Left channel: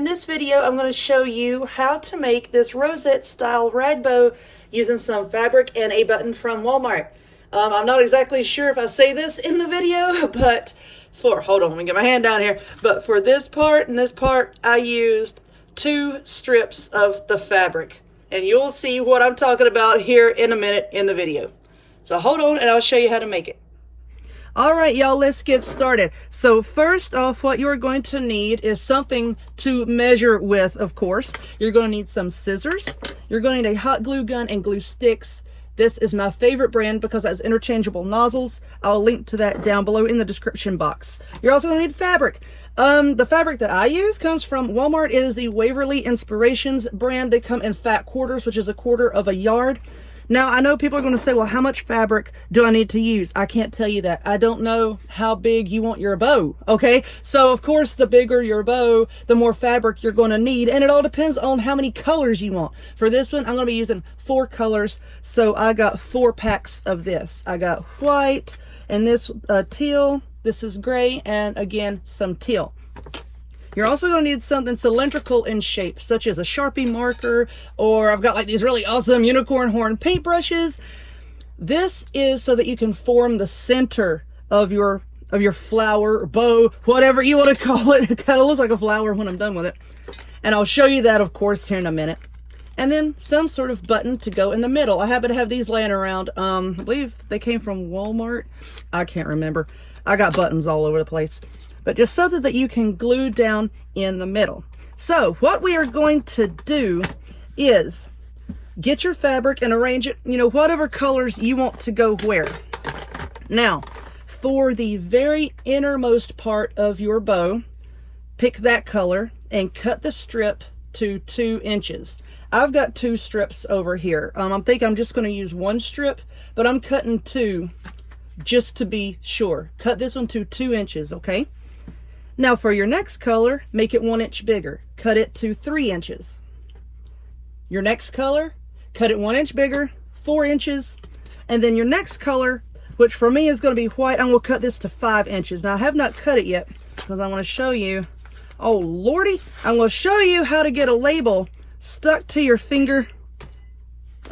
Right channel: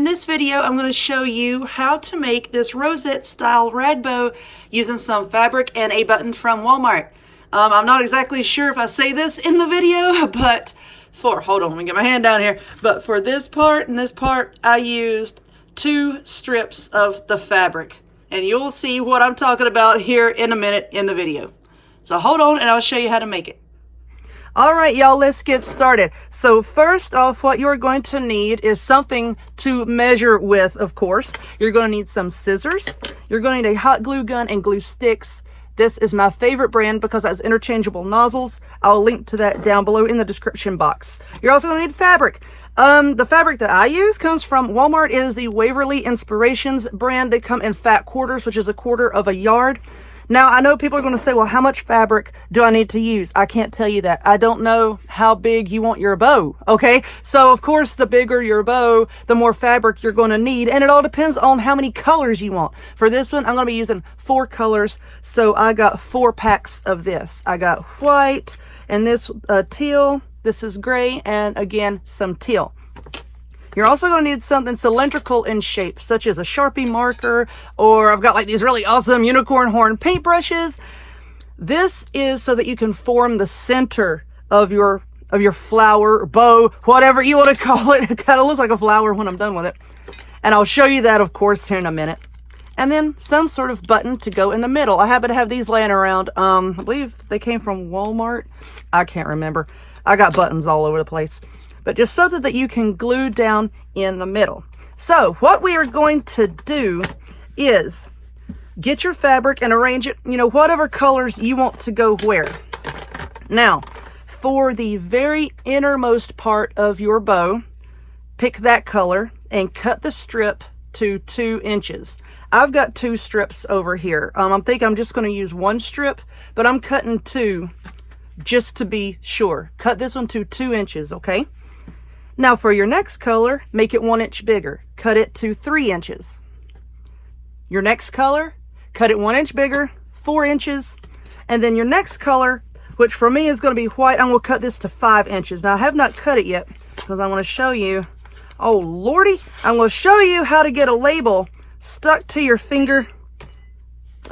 In this video, I'm going to show you how to make this rosette style rag bow using some fabric and a button from Walmart. I'm not exactly sure if I say this in the video, but hold on, let me get my hand down here. But for this part and this part, I used 2 strips of the fabric. And you'll see what I'm talking about here in a minute in the video. So hold on and I'll show you how to make it. All right, y'all, let's get started. So first off, what you're going to need is something to measure with, of course. You're going to need some scissors. You're going to need a hot glue gun and glue sticks. This is my favorite brand because it has interchangeable nozzles. I'll link to that down below in the description box. You're also going to need fabric. The fabric that I use comes from Walmart. It is the Waverly Inspirations brand. They come in fat quarters, which is 1/4 of a yard. Now, I know people are going to say, well, how much fabric do I need to use? I can't tell you that. I don't know how big you want your bow, okay? So, of course, the bigger your bow, the more fabric you're going to need, and it all depends on how many colors you want. For this one, I'm going to be using 4 colors, so I got 4 packs of this. I got white, and this teal, this is gray, and again, some teal. You're also going to need something cylindrical in shape, such as a Sharpie marker, or I've got like these really awesome unicorn horn paintbrushes. This is so that you can form the center of your flower, bow, whatever you want to call it. It kind of looks like a flower when I'm done with it. And I'll show you that, of course, here in a minute. And then some sort of button to go in the middle. I happen to have these laying around. I believe they came from Walmart. I can't remember. I got buttons all over the place. But just so that you can glue down in the middle. So what we are going to do is get your fabric and arrange it, whatever colors you want to go where. Now, for the very innermost part of your bow, pick that color and cut the strip to 2 inches. I've got 2 strips over here. I think I'm just going to use 1 strip, but I'm cutting 2 just to be sure. Cut this one to 2 inches, okay? Now for your next color, make it 1 inch bigger. Cut it to 3 inches. Your next color, cut it 1 inch bigger, 4 inches. And then your next color, which for me is going to be white, I'm going to cut this to 5 inches. Now I have not cut it yet because I want to show you, oh lordy, I'm going to show you how to get a label stuck to your finger.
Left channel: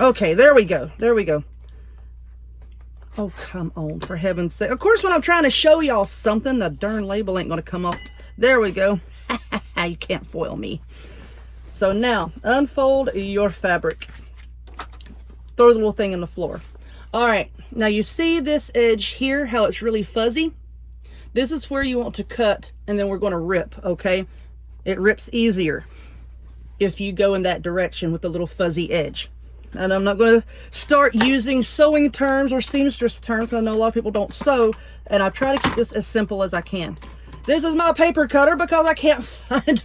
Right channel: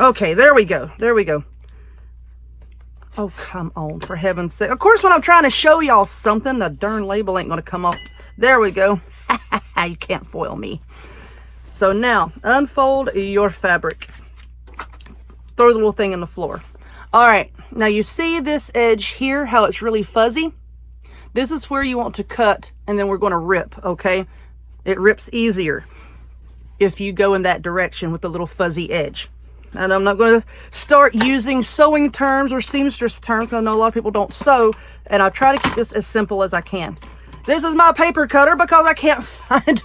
Okay, there we go. There we go. Oh, come on, for heaven's sake. Of course, when I'm trying to show y'all something, the darn label ain't going to come off. There we go. You can't foil me. So now, unfold your fabric. Throw the little thing in the floor. All right. Now, you see this edge here, how it's really fuzzy? This is where you want to cut, and then we're going to rip, okay? It rips easier if you go in that direction with the little fuzzy edge. And I'm not going to start using sewing terms or seamstress terms. I know a lot of people don't sew, and I try to keep this as simple as I can. This is my paper cutter because I can't find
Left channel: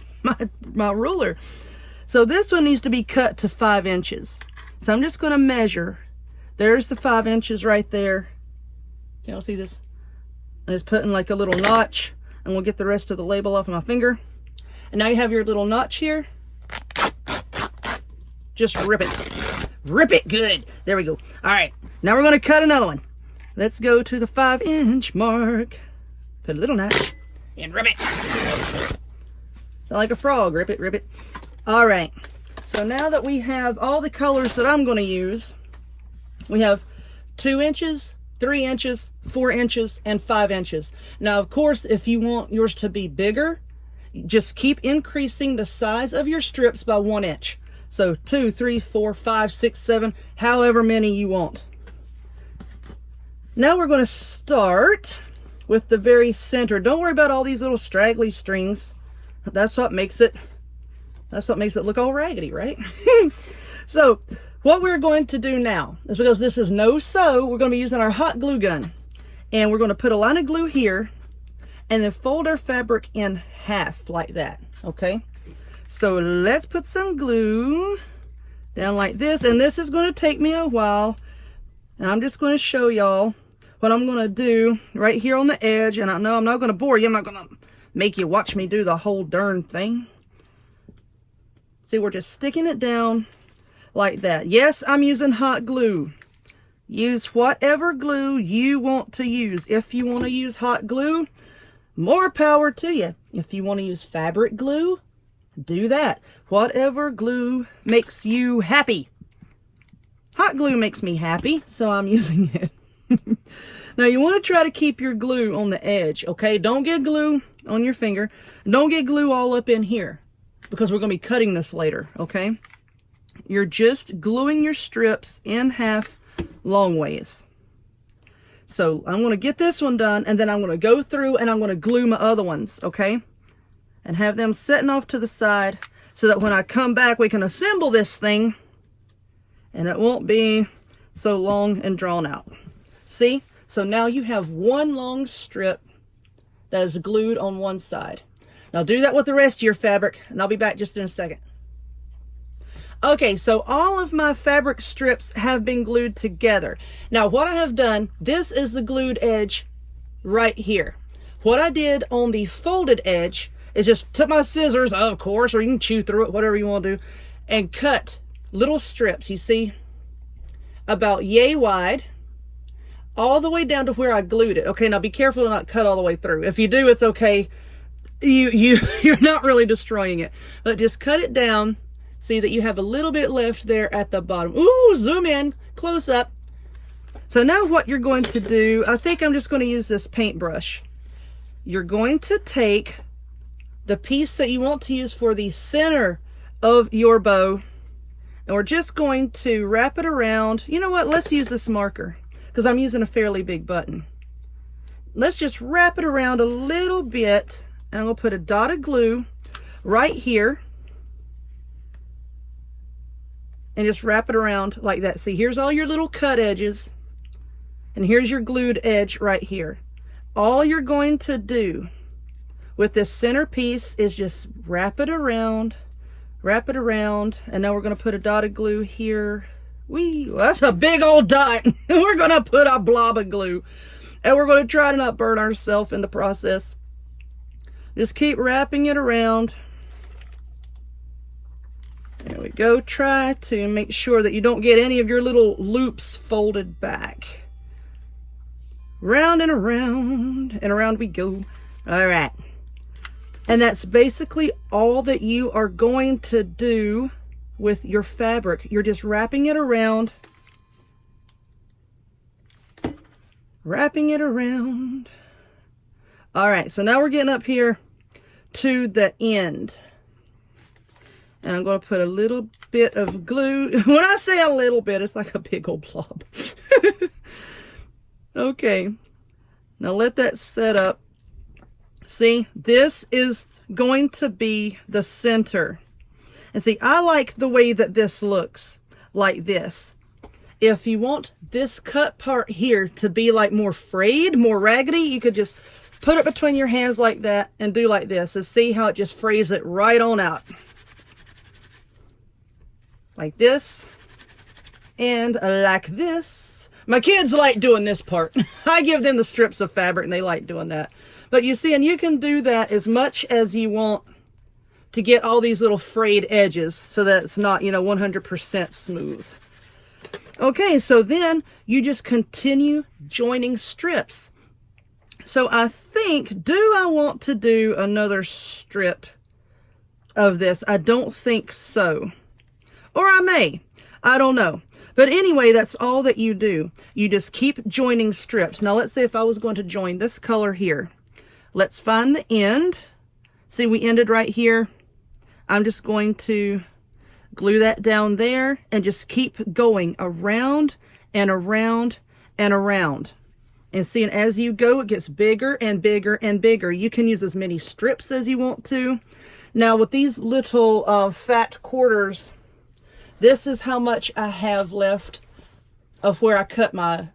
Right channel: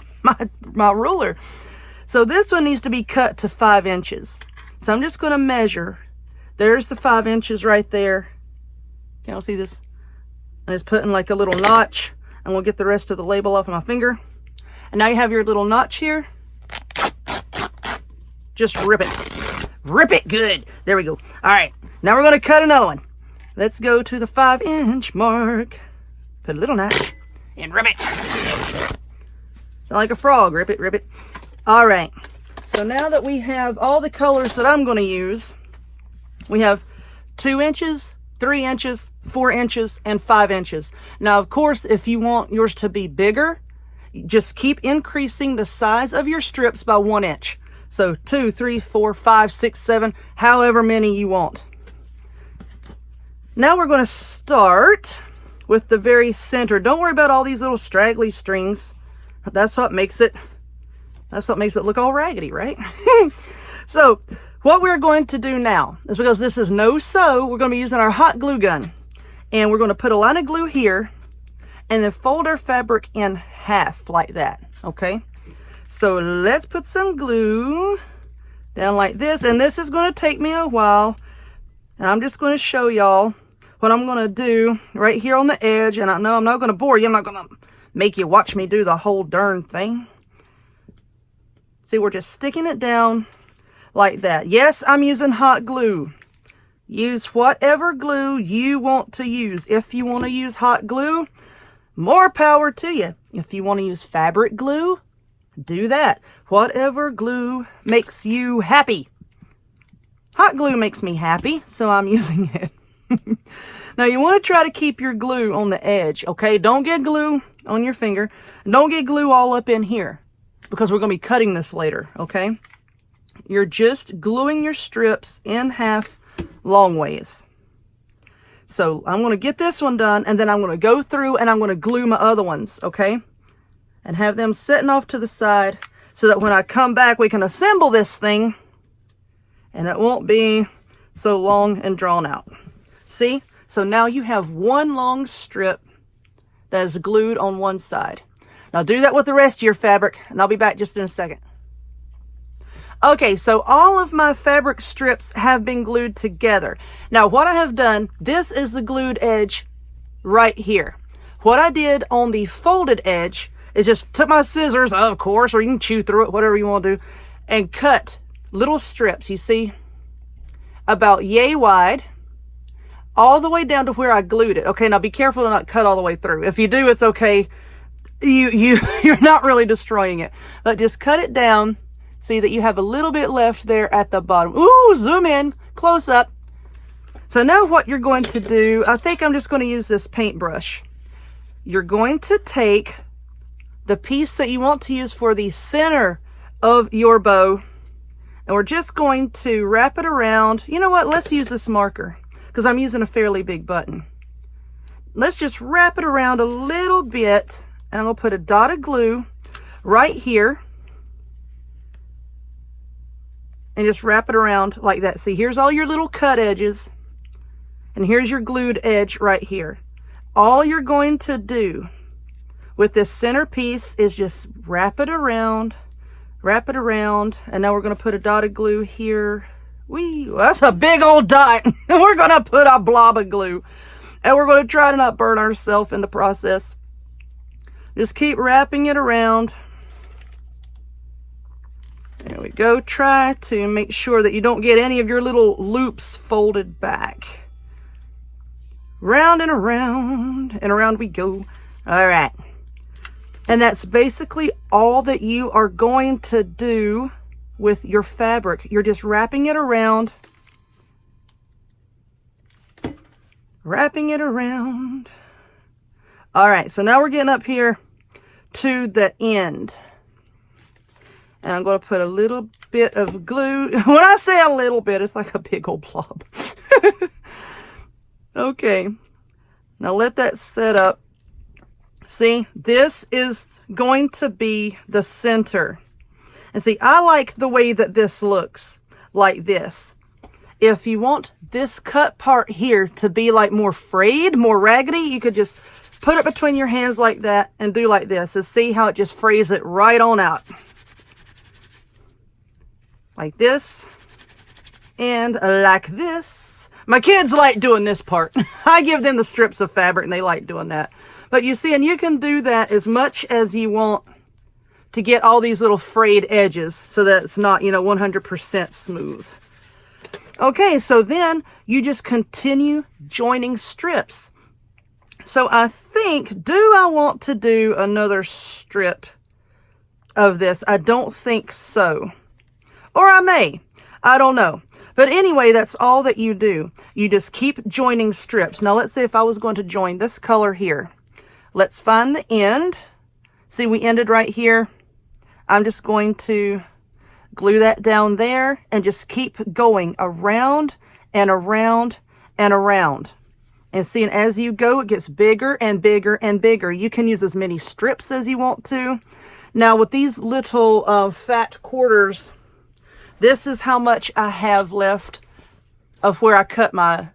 my ruler. So this one needs to be cut to 5 inches. So I'm just going to measure. There's the 5 inches right there. Can y'all see this? I'm just putting like a little notch, and we'll get the rest of the label off of my finger. And now you have your little notch here. Just rip it. Rip it good. There we go. All right. Now we're going to cut another one. Let's go to the 5 inch mark. Put a little notch and rip it. Sound like a frog. Rip it, rip it. All right. So now that we have all the colors that I'm going to use, we have 2 inches, 3 inches, 4 inches, and 5 inches. Now, of course, if you want yours to be bigger, just keep increasing the size of your strips by 1 inch. So 2, 3, 4, 5, 6, 7, however many you want. Now we're going to start with the very center. Don't worry about all these little straggly strings. That's what makes it look all raggedy, right? So what we're going to do now is, because this is no sew, we're going to be using our hot glue gun. And we're going to put a line of glue here and then fold our fabric in half like that, okay? So let's put some glue down like this, and this is going to take me a while, and I'm just going to show y'all what I'm going to do right here on the edge. And I know I'm not going to bore you. I'm not going to make you watch me do the whole darn thing. See, we're just sticking it down like that. Yes, I'm using hot glue. Use whatever glue you want to use. If you want to use hot glue, more power to you. If you want to use fabric glue, do that. Whatever glue makes you happy. Hot glue makes me happy, so I'm using it. Now you want to try to keep your glue on the edge, okay? Don't get glue on your finger. Don't get glue all up in here because we're going to be cutting this later, okay? You're just gluing your strips in half long ways. So I'm going to get this one done, and then I'm going to go through and I'm going to glue my other ones, okay? And have them sitting off to the side so that when I come back, we can assemble this thing and it won't be so long and drawn out. See? So now you have one long strip that is glued on one side. Now do that with the rest of your fabric, and I'll be back just in a second. Okay, so all of my fabric strips have been glued together. Now what I have done, this is the glued edge right here. What I did on the folded edge is just took my scissors, of course, or you can chew through it, whatever you want to do, and cut little strips, you see, about yay wide, all the way down to where I glued it. Okay, now be careful to not cut all the way through. If you do, it's okay. You're not really destroying it, but just cut it down. See that you have a little bit left there at the bottom. Ooh, zoom in, close up. So now what you're going to do, I think I'm just going to use this paintbrush. You're going to take the piece that you want to use for the center of your bow, and we're just going to wrap it around. You know what? Let's use this marker because I'm using a fairly big button. Let's just wrap it around a little bit, and I'm going to put a dot of glue right here and just wrap it around like that. See, here's all your little cut edges, and here's your glued edge right here. All you're going to do with this center piece is just wrap it around, and now we're going to put a dot of glue here. Whee, that's a big old dot. We're going to put a blob of glue, and we're going to try to not burn ourselves in the process. Just keep wrapping it around. There we go. Try to make sure that you don't get any of your little loops folded back. Round and around we go. All right. And that's basically all that you are going to do with your fabric. You're just wrapping it around. Wrapping it around. All right, so now we're getting up here to the end. And I'm going to put a little bit of glue. When I say a little bit, it's like a big old blob. Okay, now let that set up. See, this is going to be the center. And see, I like the way that this looks, like this. If you want this cut part here to be like more frayed, more raggedy, you could just put it between your hands like that and do like this. And see how it just frays it right on out. Like this. And like this. My kids like doing this part. I give them the strips of fabric and they like doing that. But you see, and you can do that as much as you want to get all these little frayed edges so that it's not, 100% smooth. Okay, so then you just continue joining strips. So I think, do I want to do another strip of this? I don't think so. Or I may. I don't know. But anyway, that's all that you do. You just keep joining strips. Now let's say if I was going to join this color here. Let's find the end. See, we ended right here. I'm just going to glue that down there and just keep going around and around and around. And see, and as you go, it gets bigger and bigger and bigger. You can use as many strips as you want to. Now with these little fat quarters, this is how much I have left of where I cut my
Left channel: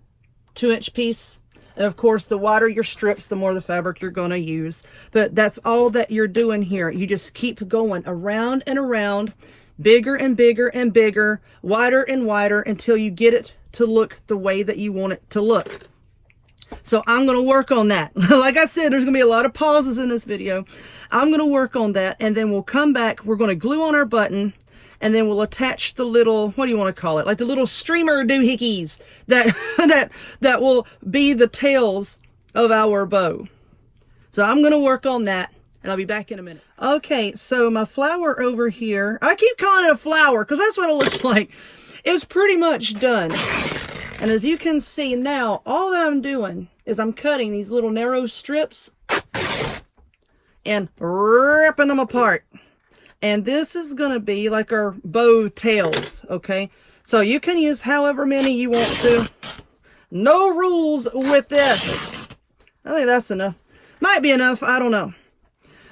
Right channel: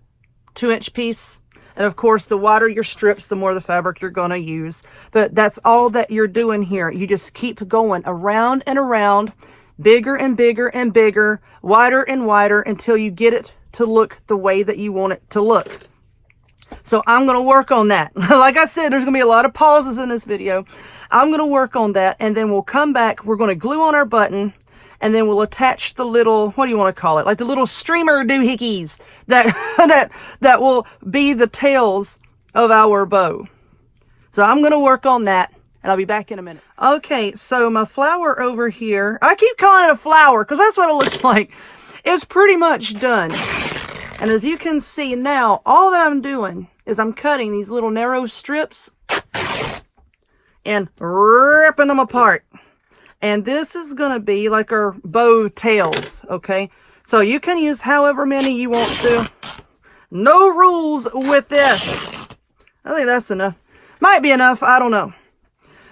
2-inch piece. And of course, the wider your strips, the more the fabric you're going to use. But that's all that you're doing here. You just keep going around and around, bigger and bigger and bigger, wider and wider until you get it to look the way that you want it to look. So I'm going to work on that. Like I said, there's going to be a lot of pauses in this video. I'm going to work on that, and then we'll come back. We're going to glue on our button, and then we'll attach the little, what do you want to call it? Like the little streamer doohickeys that will be the tails of our bow. So I'm going to work on that, and I'll be back in a minute. Okay, so my flower over here, I keep calling it a flower because that's what it looks like. It's pretty much done. And as you can see now, all that I'm doing is I'm cutting these little narrow strips and ripping them apart. And this is going to be like our bow tails, okay? So you can use however many you want to. No rules with this. I think that's enough. Might be enough, I don't know.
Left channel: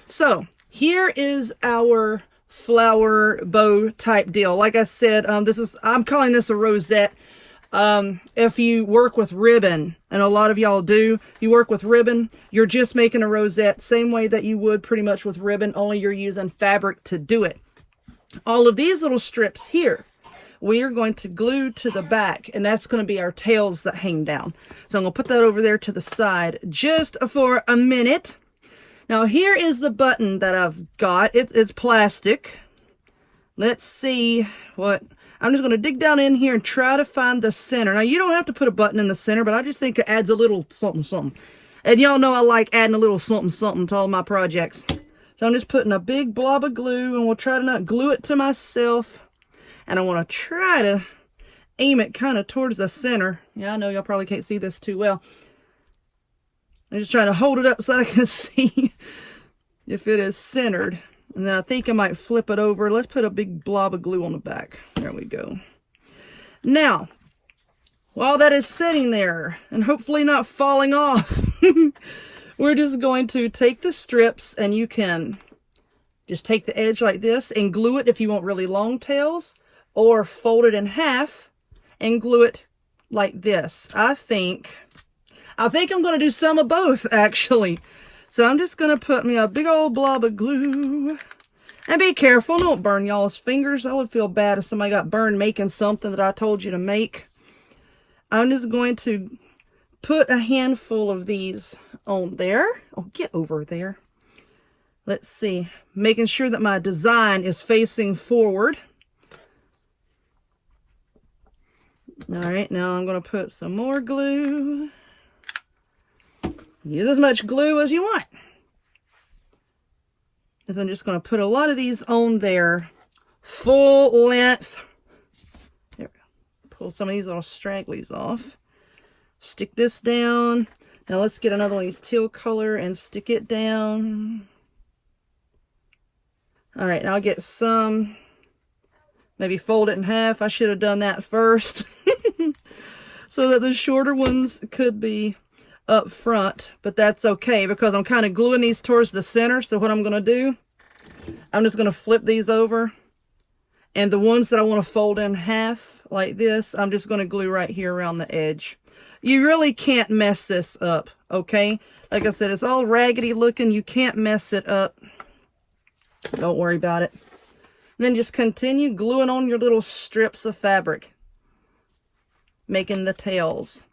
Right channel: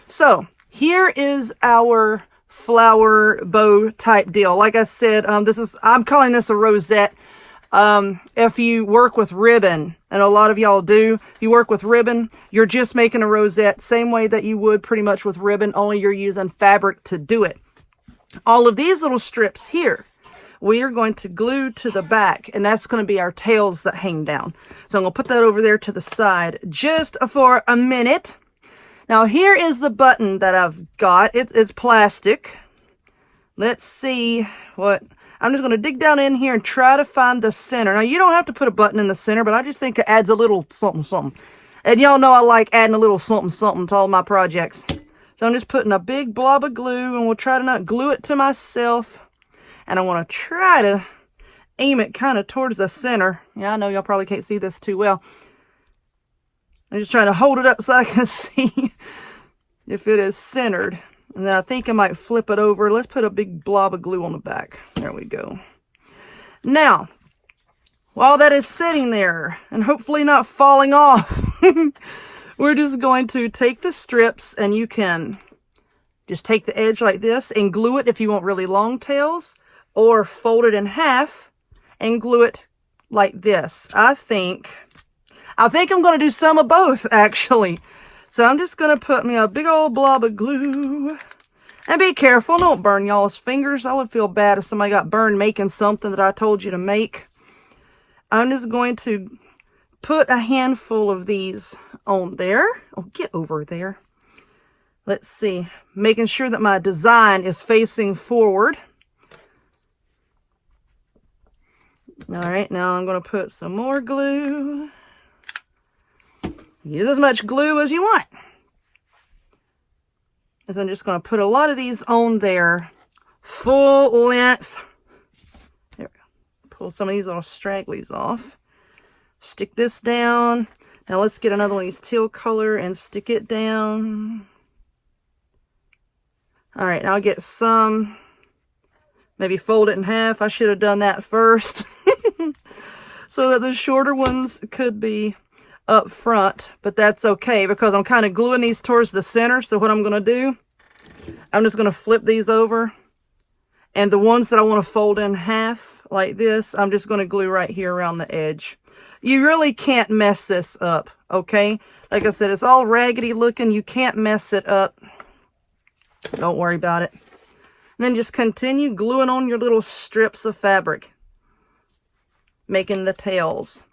So here is our flower bow type deal. Like I said, I'm calling this a rosette. If you work with ribbon, and a lot of y'all do, if you work with ribbon, you're just making a rosette same way that you would pretty much with ribbon, only you're using fabric to do it. All of these little strips here, we are going to glue to the back, and that's going to be our tails that hang down. So I'm going to put that over there to the side just for a minute. Now here is the button that I've got. It's plastic. Let's see what... I'm just going to dig down in here and try to find the center. Now, you don't have to put a button in the center, but I just think it adds a little something, something. And y'all know I like adding a little something, something to all my projects. So I'm just putting a big blob of glue, and we'll try to not glue it to myself. And I want to try to aim it kind of towards the center. Yeah, I know y'all probably can't see this too well. I'm just trying to hold it up so I can see if it is centered. And then I think I might flip it over. Let's put a big blob of glue on the back. There we go. Now, while that is sitting there and hopefully not falling off, we're just going to take the strips, and you can just take the edge like this and glue it if you want really long tails, or fold it in half and glue it like this. I think I'm going to do some of both, actually. So I'm just going to put me a big old blob of glue. And be careful, don't burn y'all's fingers. I would feel bad if somebody got burned making something that I told you to make. I'm just going to put a handful of these on there. Oh, get over there. Let's see. Making sure that my design is facing forward. All right, now I'm going to put some more glue. Use as much glue as you want. And I'm just going to put a lot of these on there, full length. There, pull some of these little stragglies off. Stick this down. Now let's get another one of these teal color and stick it down. All right, now I'll get some. Maybe fold it in half. I should have done that first. So that the shorter ones could be up front, but that's okay because I'm kind of gluing these towards the center. So what I'm going to do, I'm just going to flip these over, and the ones that I want to fold in half like this, I'm just going to glue right here around the edge. You really can't mess this up, okay? Like I said, it's all raggedy looking. You can't mess it up. Don't worry about it. And then just continue gluing on your little strips of fabric, making the tails.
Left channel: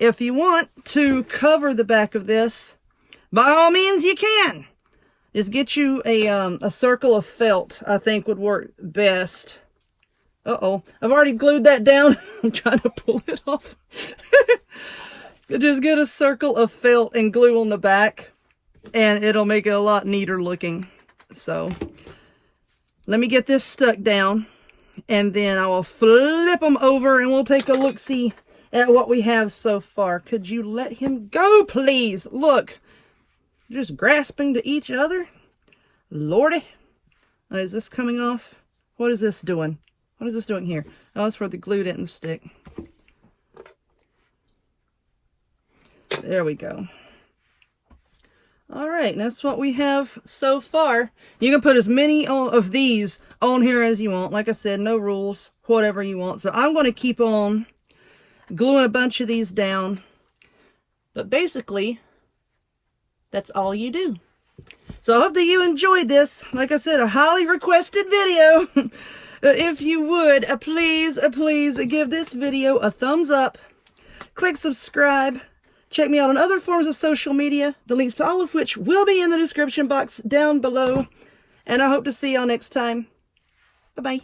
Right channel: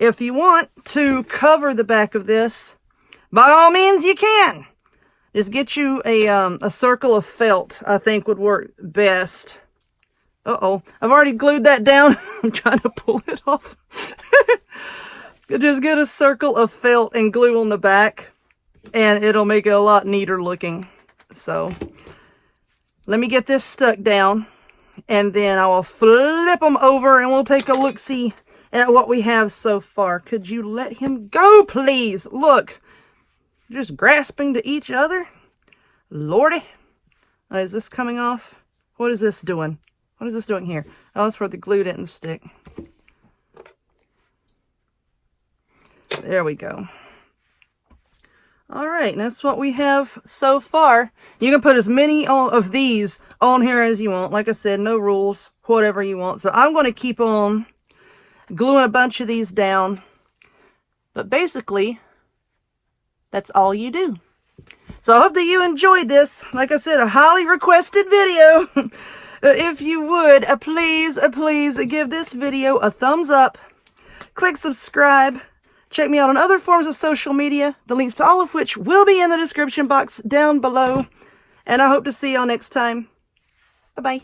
If you want to cover the back of this, by all means you can. Just get you a circle of felt, I think would work best. Uh-oh, I've already glued that down. I'm trying to pull it off. Just get a circle of felt and glue on the back, and it'll make it a lot neater looking. So, let me get this stuck down, and then I will flip them over, and we'll take a look-see at what we have so far. Could you let him go, please? Look, just grasping to each other. Lordy. Is this coming off? What is this doing? What is this doing here? Oh, that's where the glue didn't stick. There we go. All right, that's what we have so far. You can put as many of these on here as you want. Like I said, no rules, whatever you want. So I'm going to keep on gluing a bunch of these down. But basically, that's all you do. So I hope that you enjoyed this. Like I said, a highly requested video. If you would, please give this video a thumbs up. Click subscribe. Check me out on other forms of social media, the links to all of which will be in the description box down below. And I hope to see y'all next time. Bye-bye.